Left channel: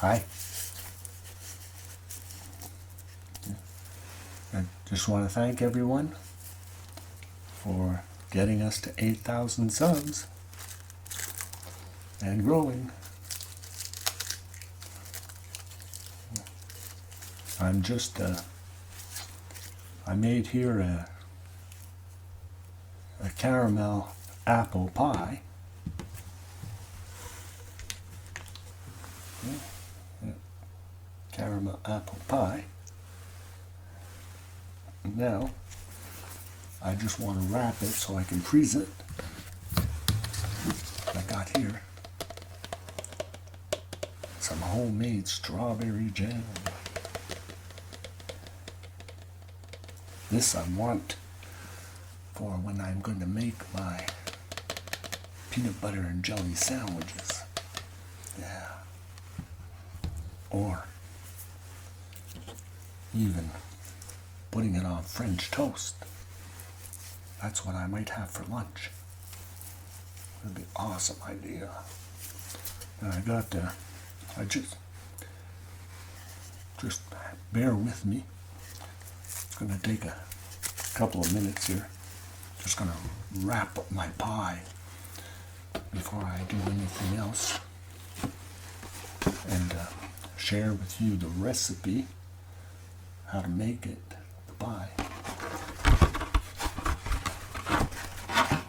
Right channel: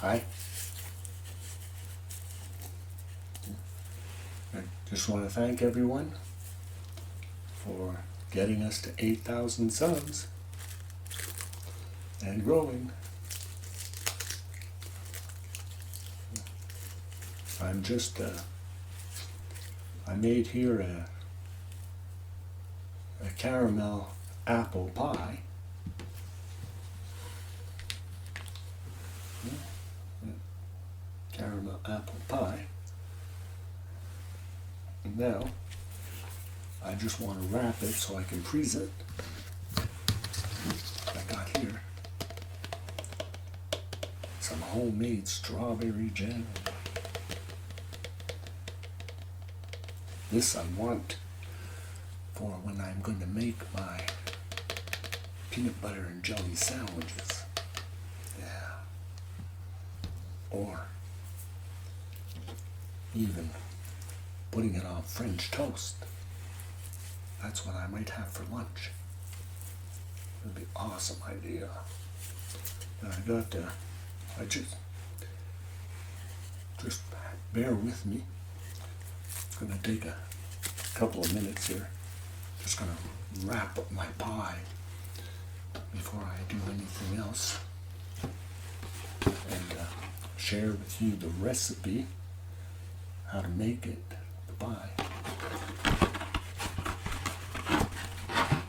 Hi. I just want to thank everyone for getting us to 8,000 subs and growing. I'm just, I made here a caramel apple pie. Caramel apple pie. And now, I just want to wrap it so I can freeze it. I got here some homemade strawberry jam. This I want for when I'm going to make my peanut butter and jelly sandwiches. Yeah. Or even putting it on French toast. That's what I might have for lunch. That'd be an awesome idea. And I got, I just bear with me. It's gonna take a couple of minutes here. Just gonna wrap up my pie before I do anything else. And share with you the recipe, how to make it, the pie.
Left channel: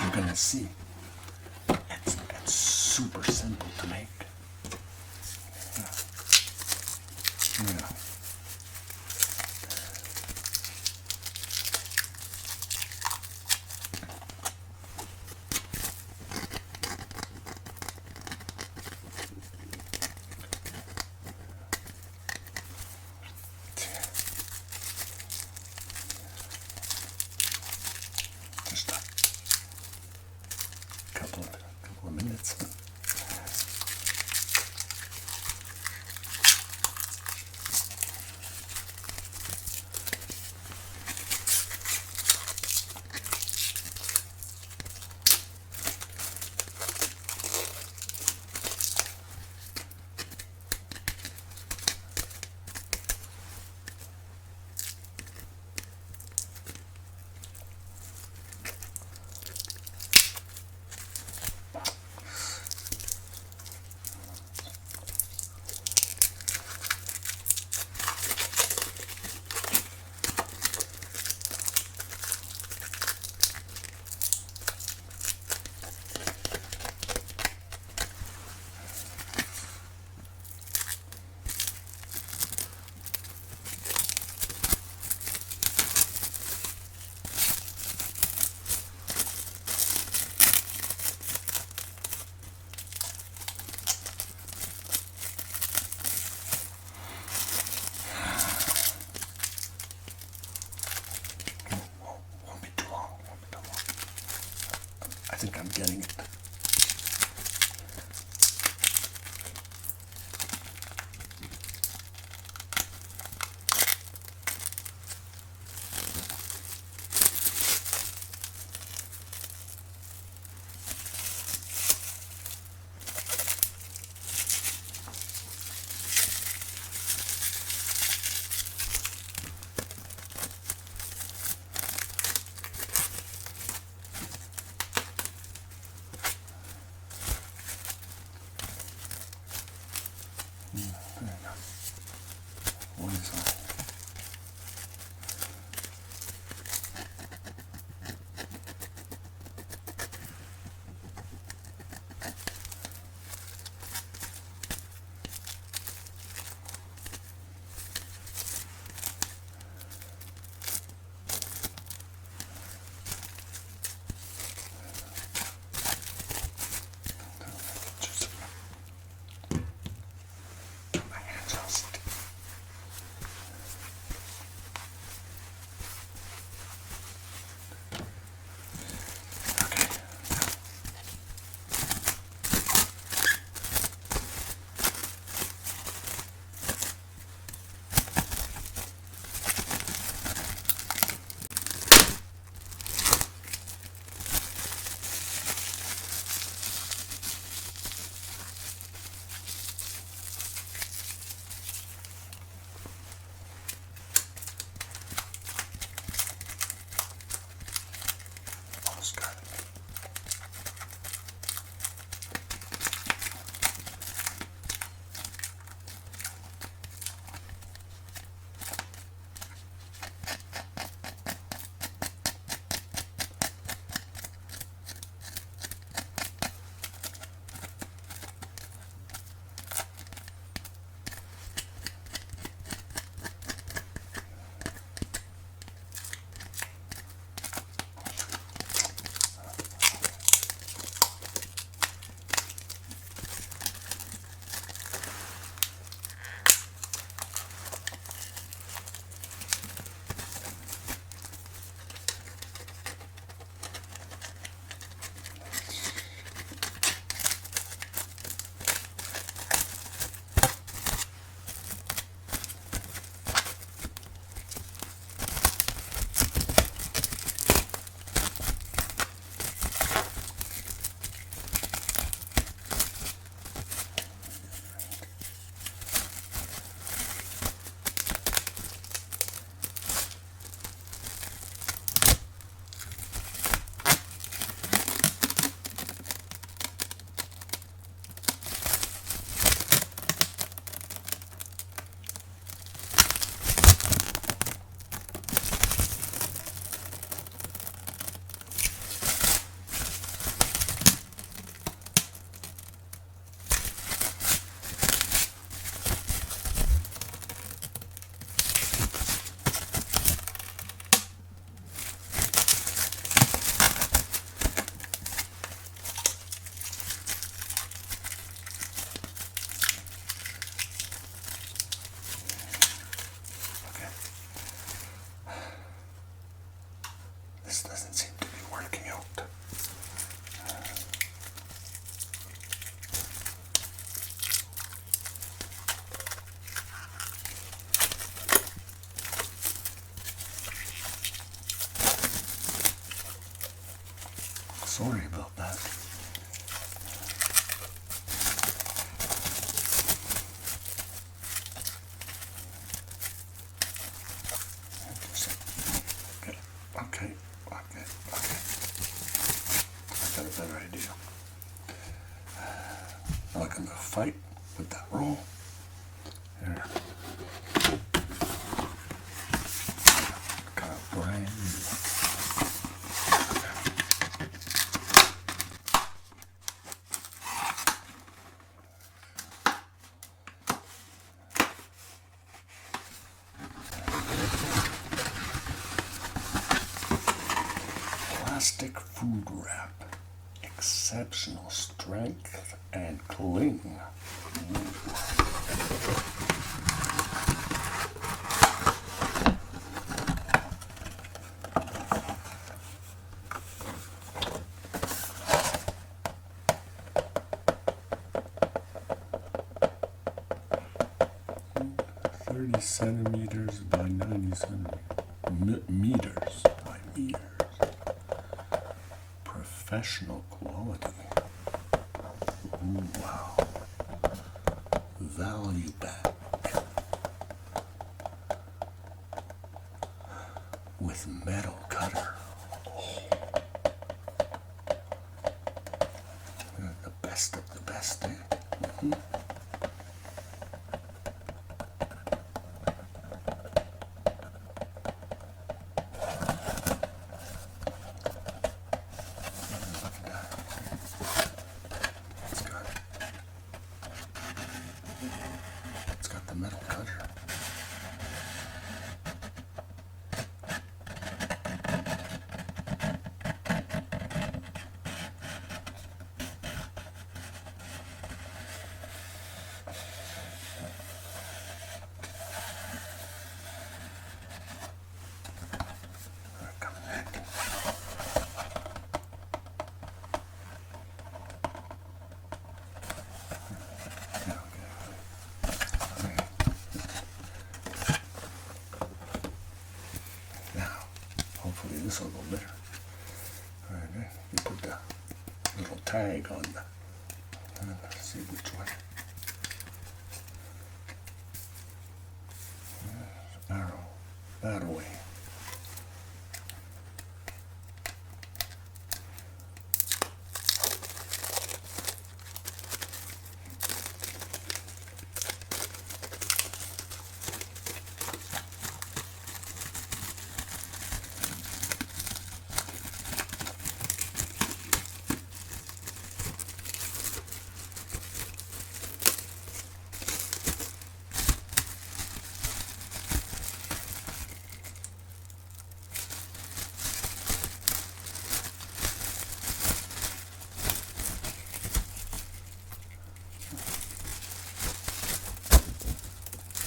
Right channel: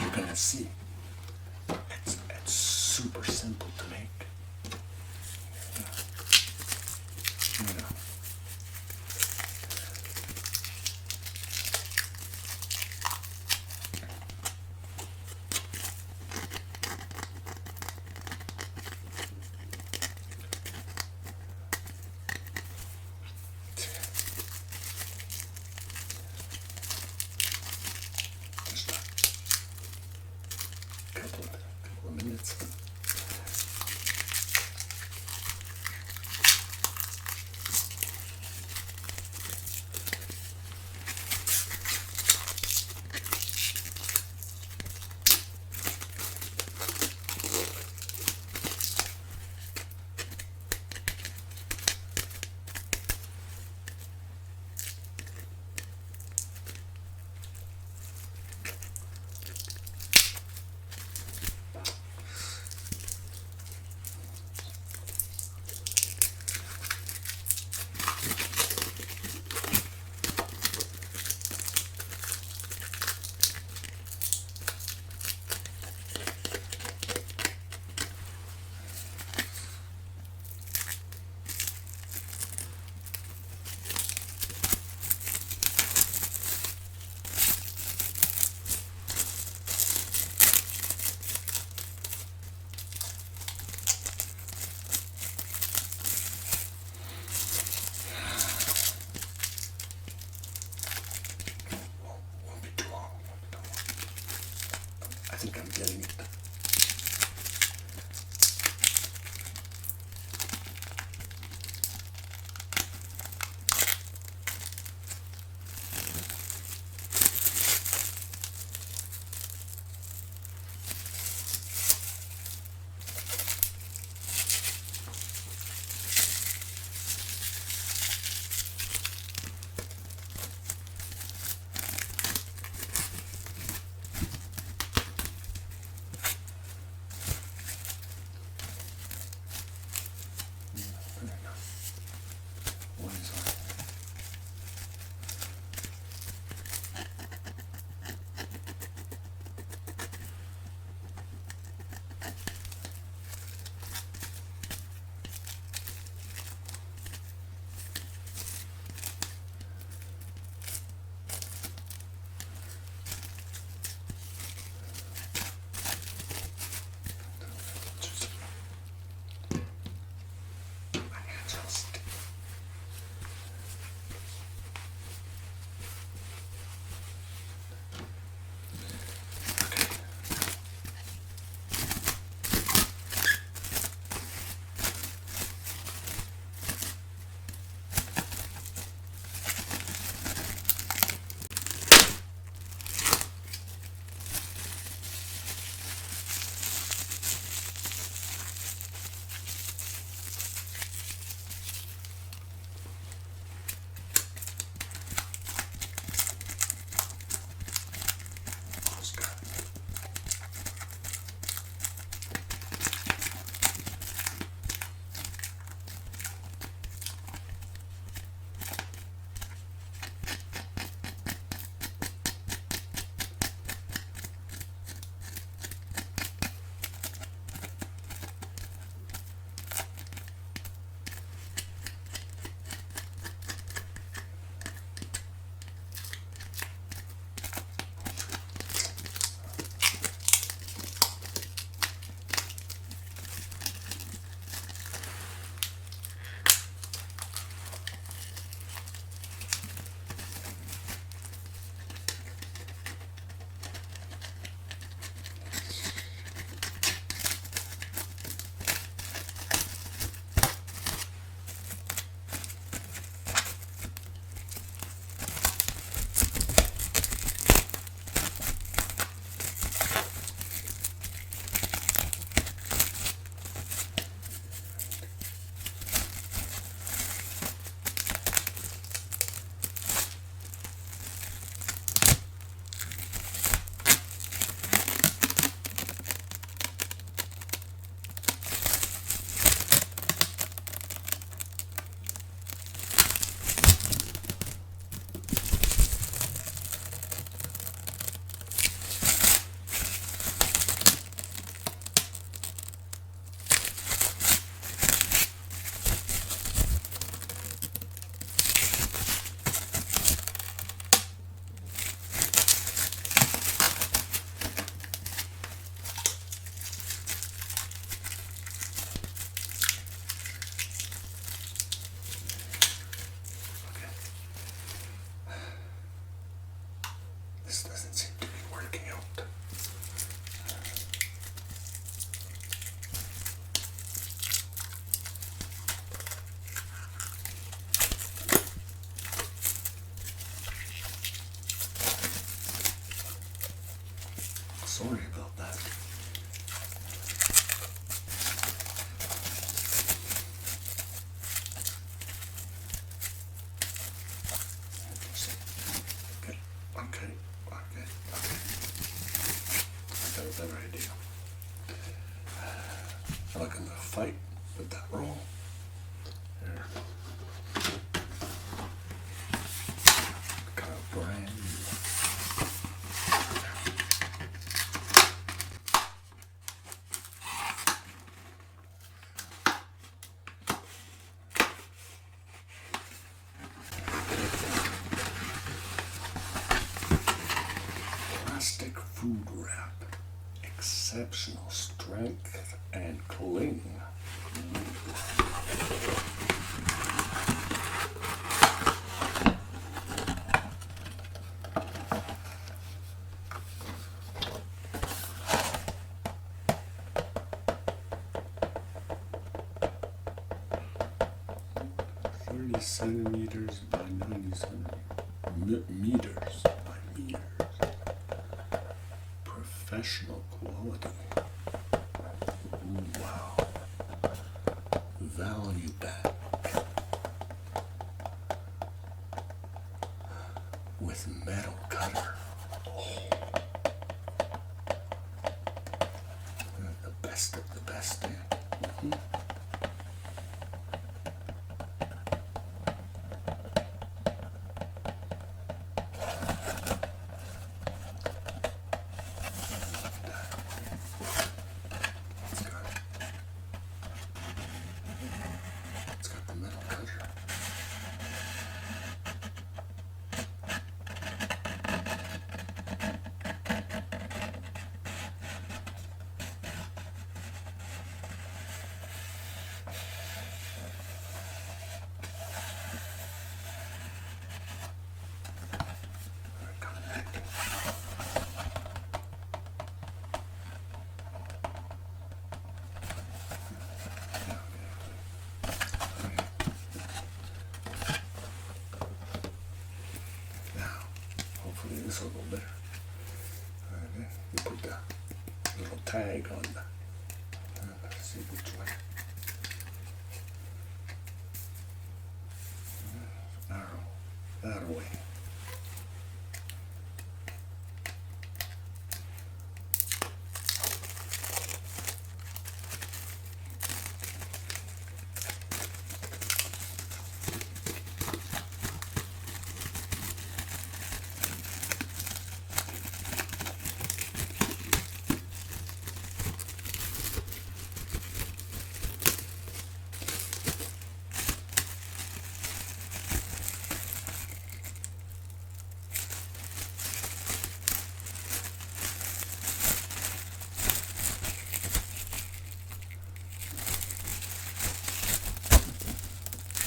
You're gonna see. It's super simple to make. Yeah. Just a couple of minutes. I think I'm getting it. What is that? My hands all sticky. fight with that roll. There. Got a brand new. Plastic food wrap. Exceptional strength and cling. Centimeters by 90 meters by meters. Professional quality. Ooh, wow. Value back. With metal cutter. Oh. The best of the best, eh? Mm-hmm. It's got the metal cutter. Hopefully this will go better. All right, you put the little tag on the, let's see which one. Arrow, that away.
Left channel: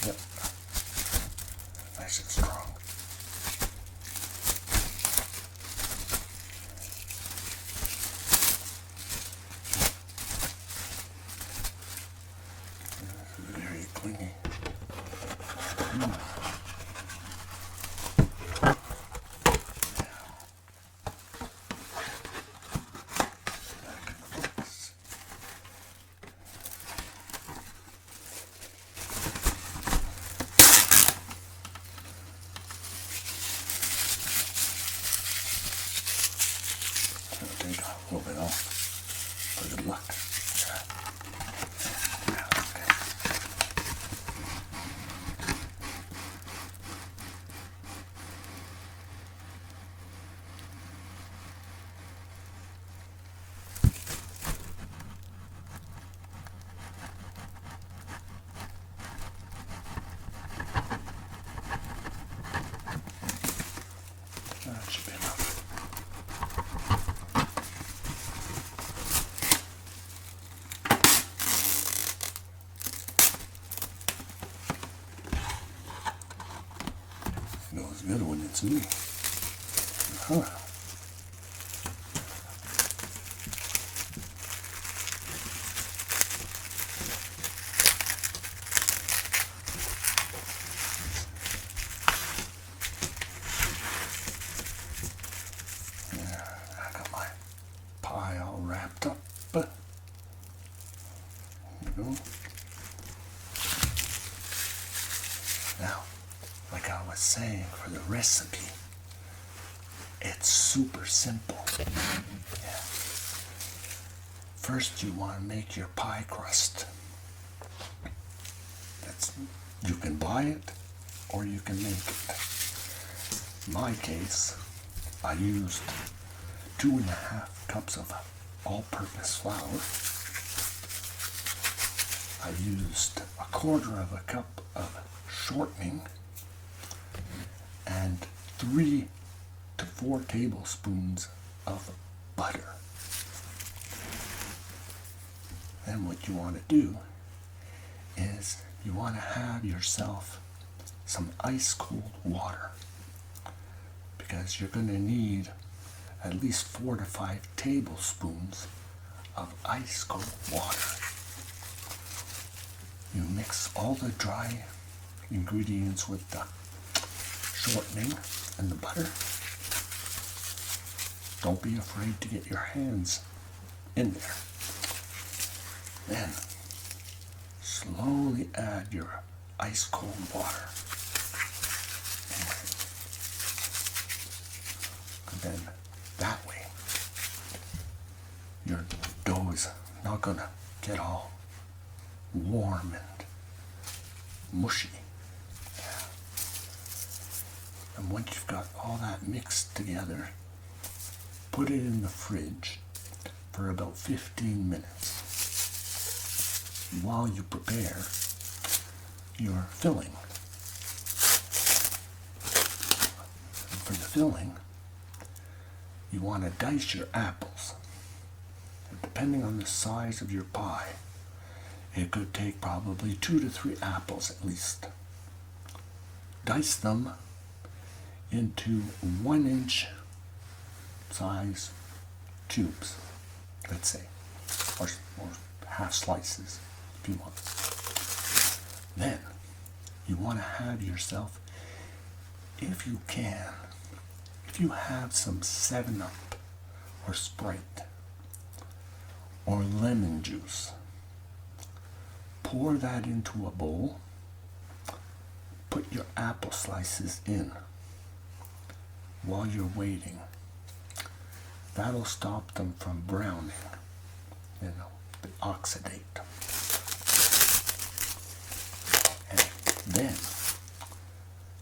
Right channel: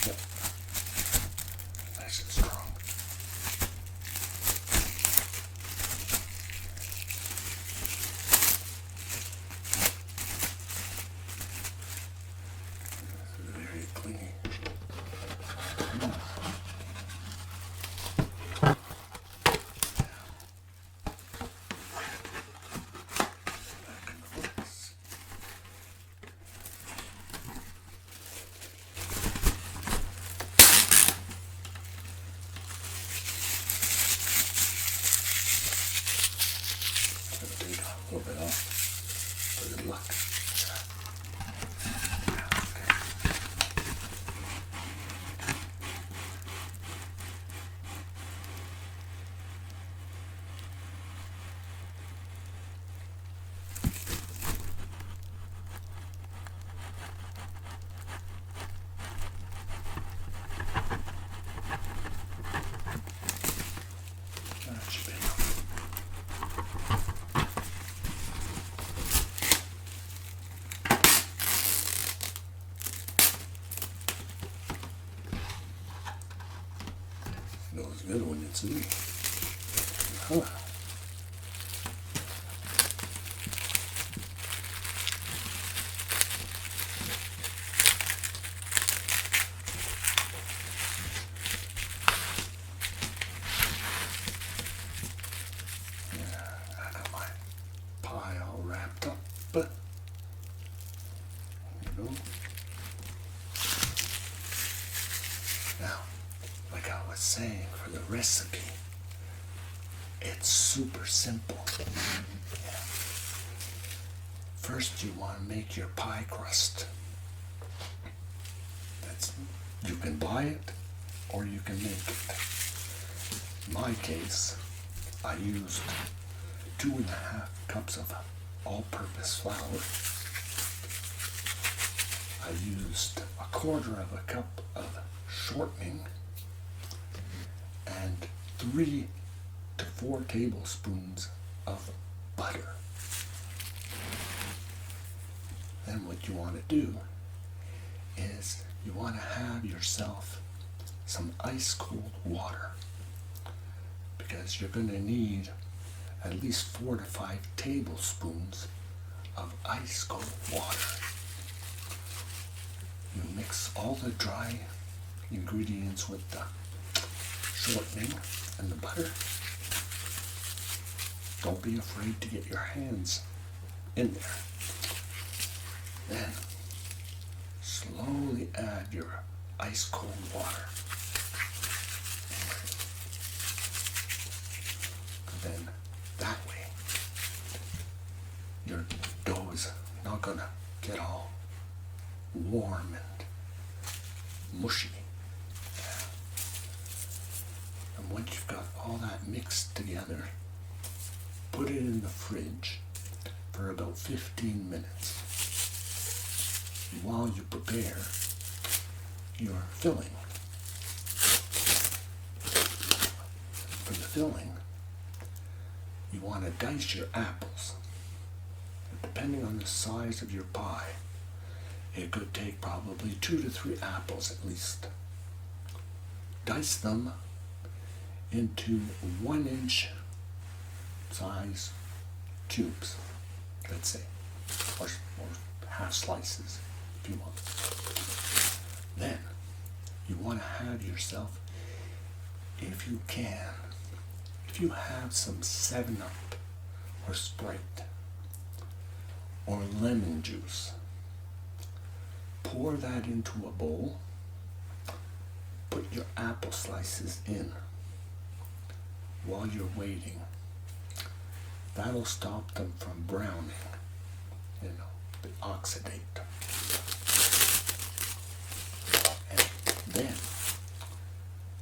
Yep. Nice and strong. Very clingy. A little bit off for good luck. That should be enough. Goes good when it's me. Huh. Yeah, I got my pie all wrapped up. You know. Now, like I was saying for the recipe, it's super simple. Yeah. First you want to make your pie crust. You can buy it or you can make it. In my case, I used 2.5 cups of all-purpose flour. I used 1/4 cup of shortening and 3 to 4 tablespoons of butter. Then what you want to do is you want to have yourself some ice cold water, because you're going to need at least 4 to 5 tablespoons of ice cold water. You mix all the dry ingredients with the shortening and the butter. Don't be afraid to get your hands in there. Then slowly add your ice cold water. And then that way your dough is not gonna get all warm and mushy. And once you've got all that mixed together, put it in the fridge for about 15 minutes while you prepare your filling. For the filling, you want to dice your apples. Depending on the size of your pie, it could take probably 2 to 3 apples at least. Dice them into 1-inch size cubes, let's say, or half slices if you want. Then you want to have yourself, if you can, if you have some 7-Up or Sprite or lemon juice, pour that into a bowl, put your apple slices in while you're waiting. That'll stop them from browning, they oxidate. And then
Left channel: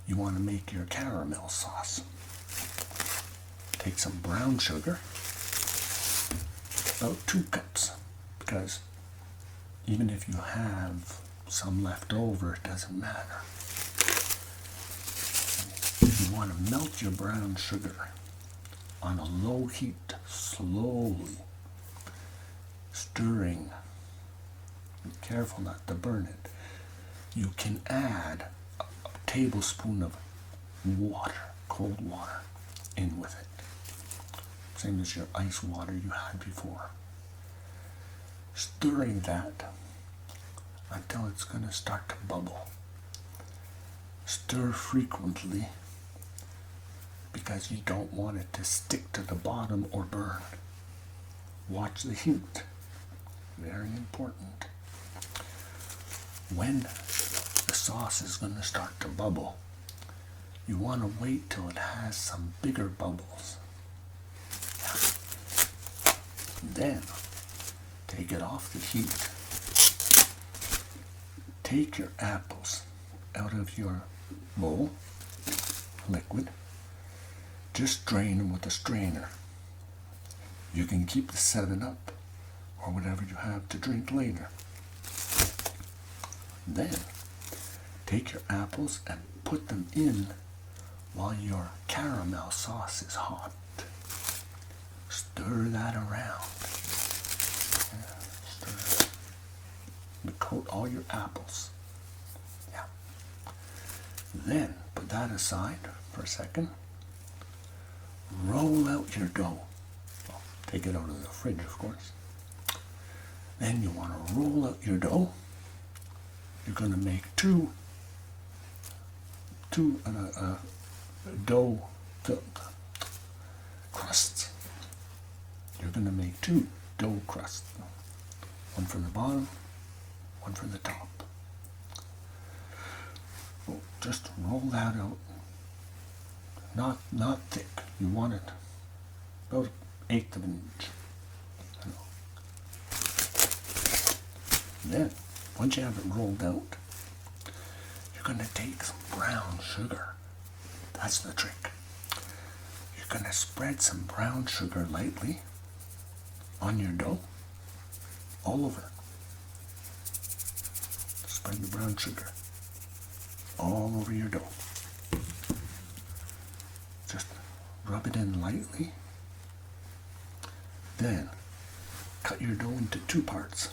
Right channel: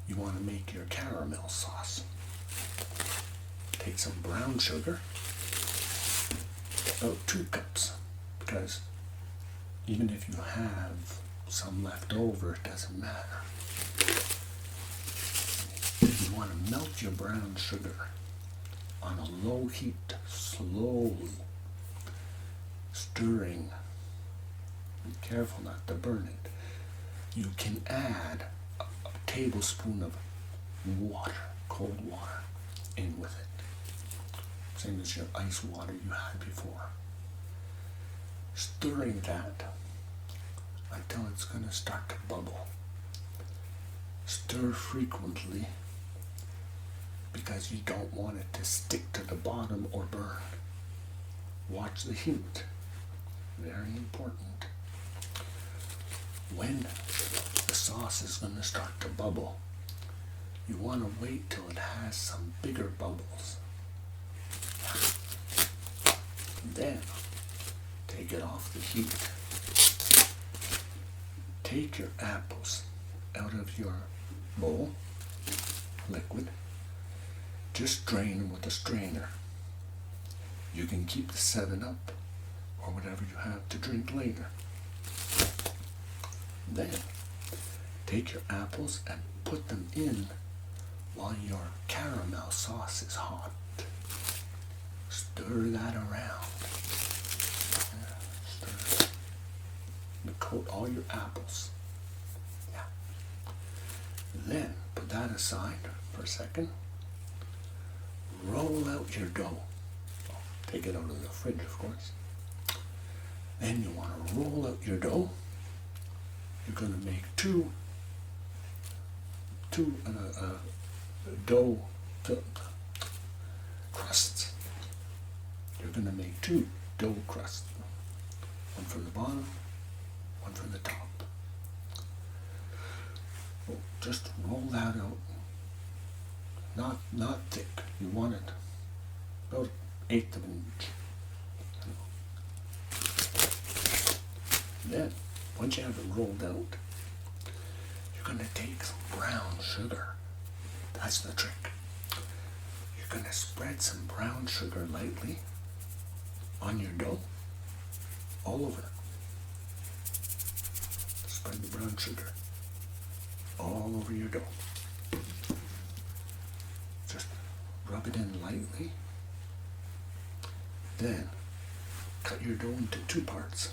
you want to make your caramel sauce. Take some brown sugar, about 2 cups, because even if you have some left over, it doesn't matter. You want to melt your brown sugar on a low heat, slowly stirring. Be careful not to burn it. You can add a tablespoon of water, cold water, in with it. Same as your ice water you had before. Stirring that until it's going to start to bubble. Stir frequently, because you don't want it to stick to the bottom or burn. Watch the heat. Very important. When the sauce is going to start to bubble, you want to wait till it has some bigger bubbles. Then take it off the heat. Take your apples out of your bowl, liquid. Just drain them with a strainer. You can keep the 7-Up or whatever you have to drink later. Then take your apples and put them in while your caramel sauce is hot. Stir that around. Stir it. And coat all your apples. Yeah. Then put that aside for a second. Roll out your dough. Well, take it out of the fridge, of course. Then you want to roll out your dough. You're going to make two dough crusts. You're going to make 2 dough crusts. One for the bottom, one for the top. Well, just roll that out. Not thick. You want it about 1/8 of an inch. Then, once you have it rolled out, going to take some brown sugar. That's the trick. You're going to spread some brown sugar lightly on your dough, all over. Spread the brown sugar all over your dough. Just rub it in lightly. Then cut your dough into 2 parts.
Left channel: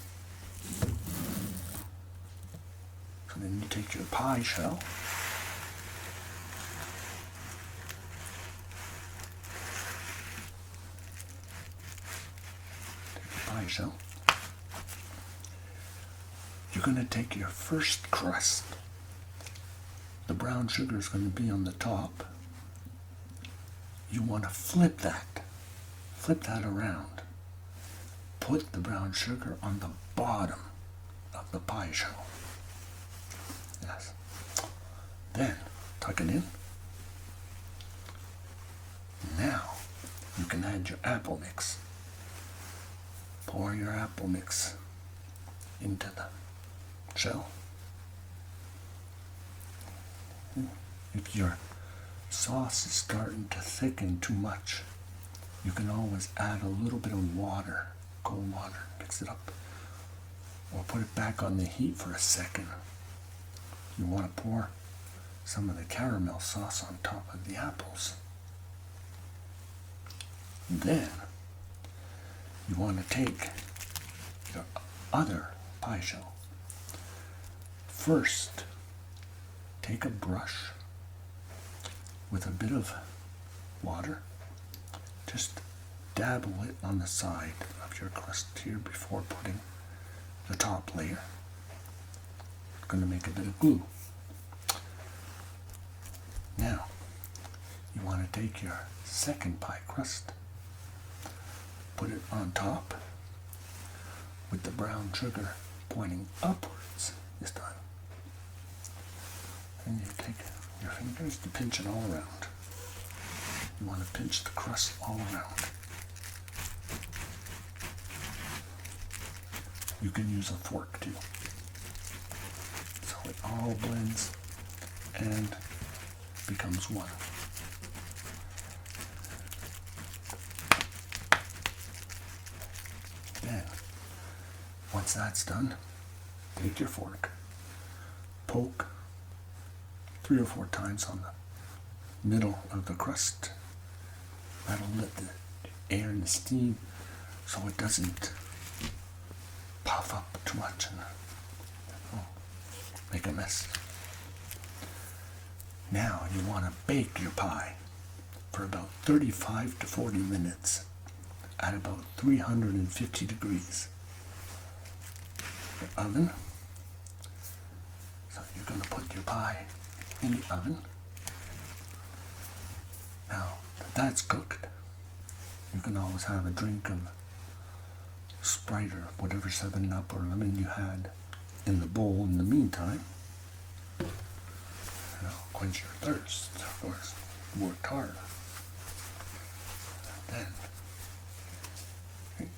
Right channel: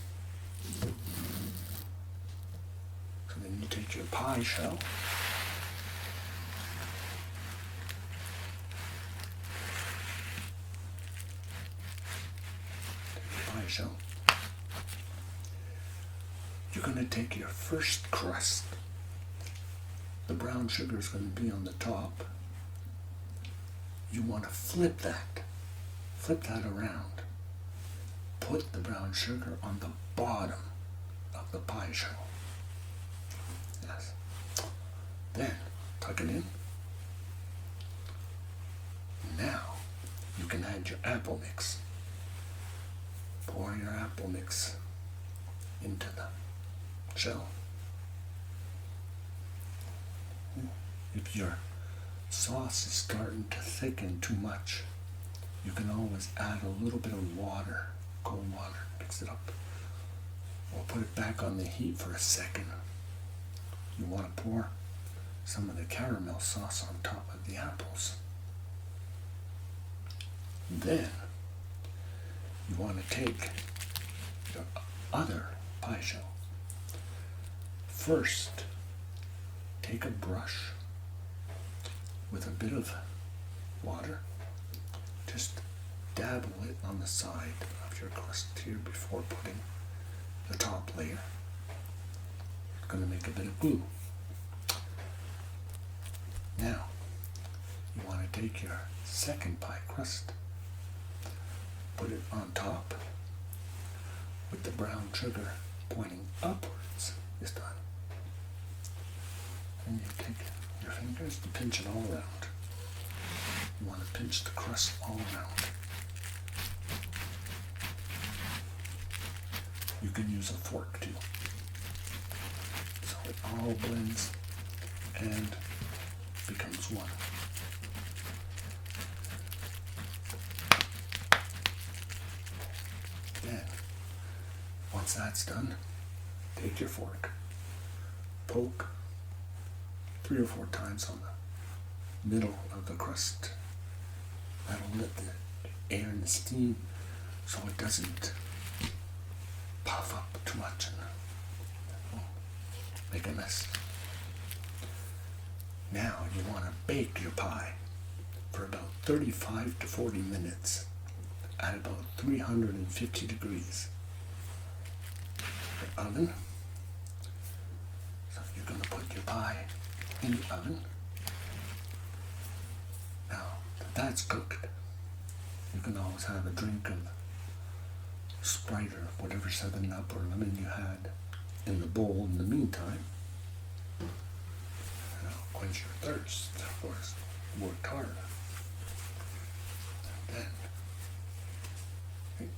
So then you take your pie shell, you're going to take your first crust. The brown sugar is going to be on the top. You want to flip that around. Put the brown sugar on the bottom of the pie shell. Yes. Then tuck it in. Now you can add your apple mix. Pour your apple mix into the shell. If your sauce is starting to thicken too much, you can always add a little bit of water, cold water, mix it up, or put it back on the heat for a second. You want to pour some of the caramel sauce on top of the apples. Then you want to take your other pie shell. First, take a brush with a bit of water. Just dabble it on the side of your crust here before putting the top layer. It's going to make a bit of glue. Now, you want to take your second pie crust, put it on top with the brown sugar pointing upwards this time. And you take your fingers to pinch it all around. You want to pinch the crust all around. You can use a fork too. So it all blends and becomes one. Then, once that's done, take your fork, poke 3 or 4 times on the middle of the crust. That'll let the air and the steam so it doesn't puff up too much and make a mess. Now you want to bake your pie for about 35 to 40 minutes at about 350 degrees. The oven. So you're going to put your pie in the oven. Now that that's cooked, you can always have a drink of Sprite or whatever 7-Up or lemon you had in the bowl in the meantime. Quench your thirst, of course. Worked hard. And then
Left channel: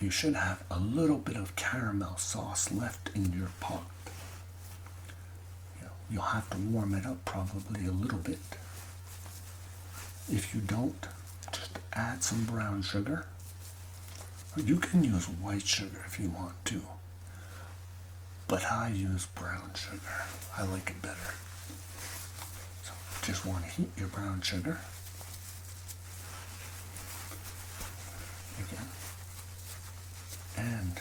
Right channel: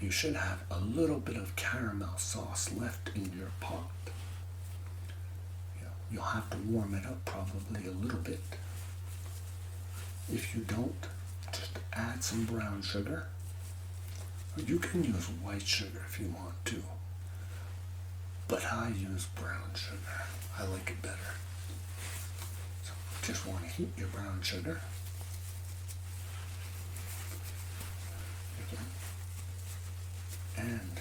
you should have a little bit of caramel sauce left in your pot. You'll have to warm it up probably a little bit. If you don't, just add some brown sugar. You can use white sugar if you want to, but I use brown sugar. I like it better. So just want to heat your brown sugar. And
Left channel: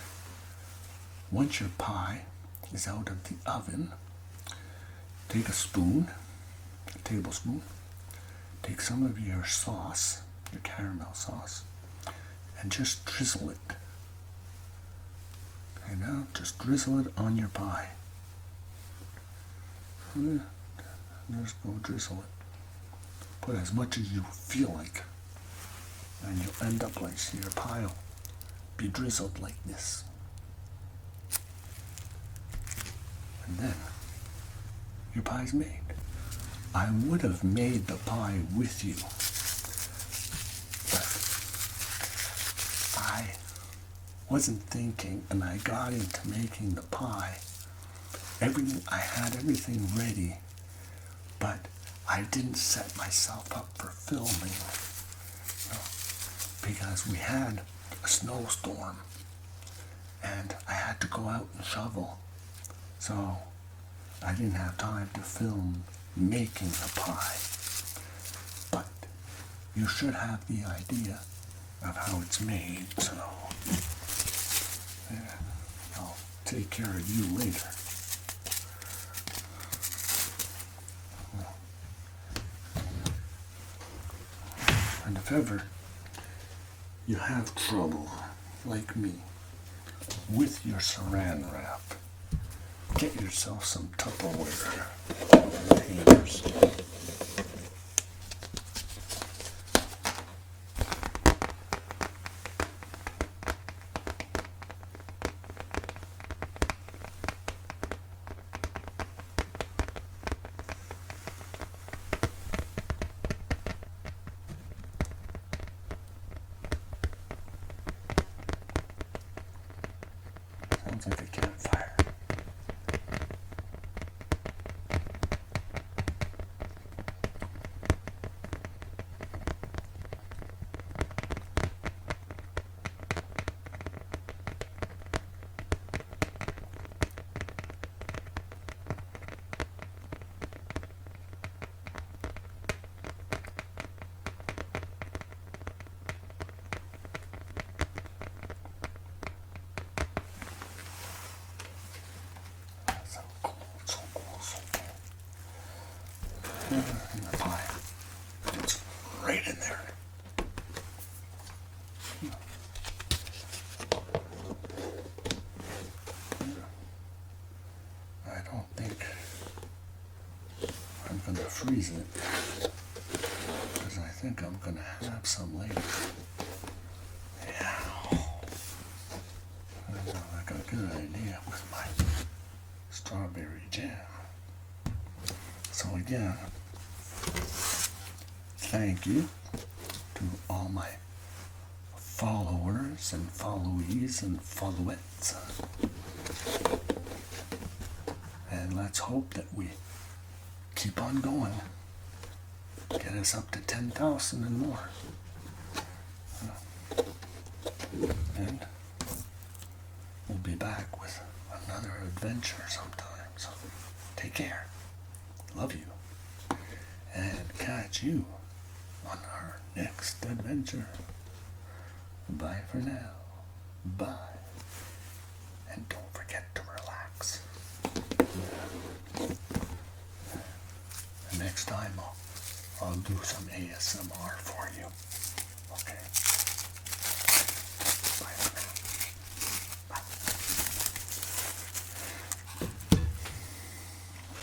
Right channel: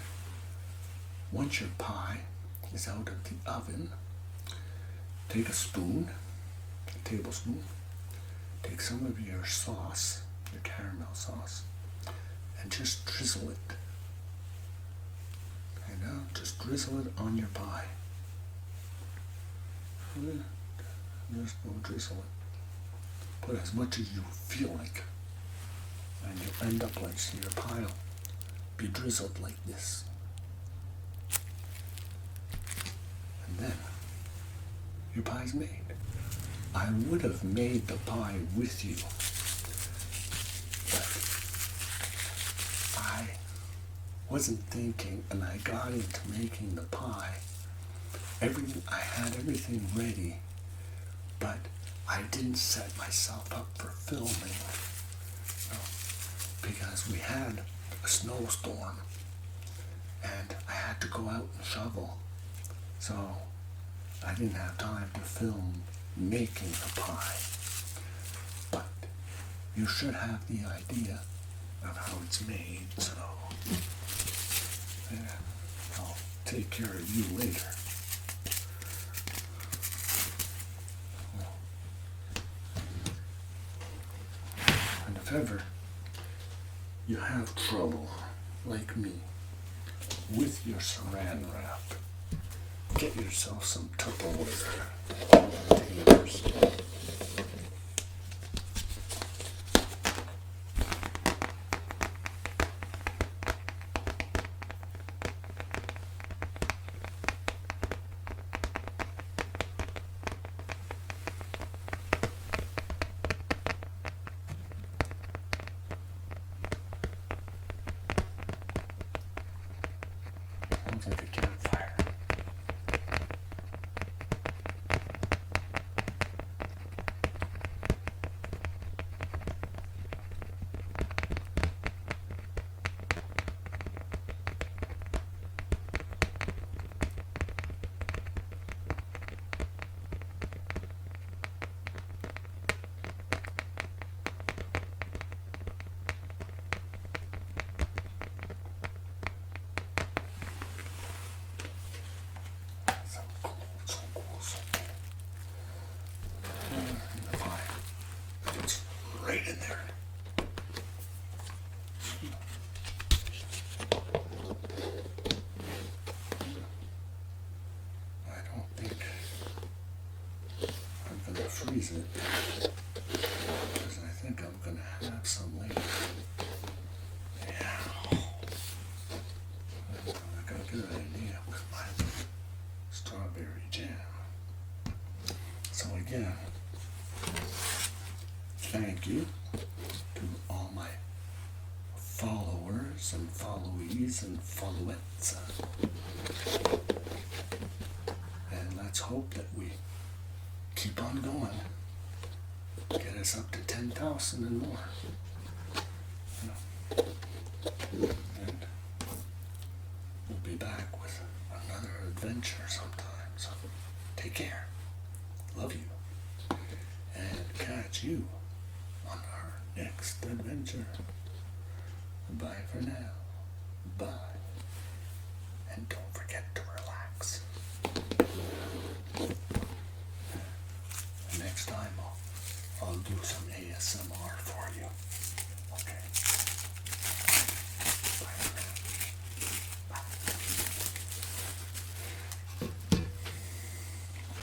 once your pie is out of the oven, take a spoon, a tablespoon, take some of your sauce, your caramel sauce, and just drizzle it. Okay, now just drizzle it on your pie. Just go drizzle it. Put as much as you feel like. And you'll end up like, see, your pie will be drizzled like this. And then your pie's made. I would have made the pie with you, but I wasn't thinking, and I got into making the pie I had everything ready, but I didn't set myself up for filming, because we had a snowstorm and I had to go out and shovel. So I didn't have time to film making the pie. But you should have the idea of how it's made, so yeah, I'll take care of you later. And if ever you have trouble, like me, with your saran wrap, get yourself some Tupperware containers. Sounds like a campfire. So cool, so cool, so cool. And the pie. It's right in there. I don't think I'm going to freeze it, because I think I'm going to have some later. Yeah. I got a good idea with my strawberry jam. So again, thank you to all my followers and followees and followettes. And let's hope that we keep on going. Get us up to 10,000 and more. And we'll be back with another adventure sometime. So take care. Love you. And catch you on our next adventure. Bye for now. Bye. And don't forget to relax. And next time I'll do some ASMR for you. Okay.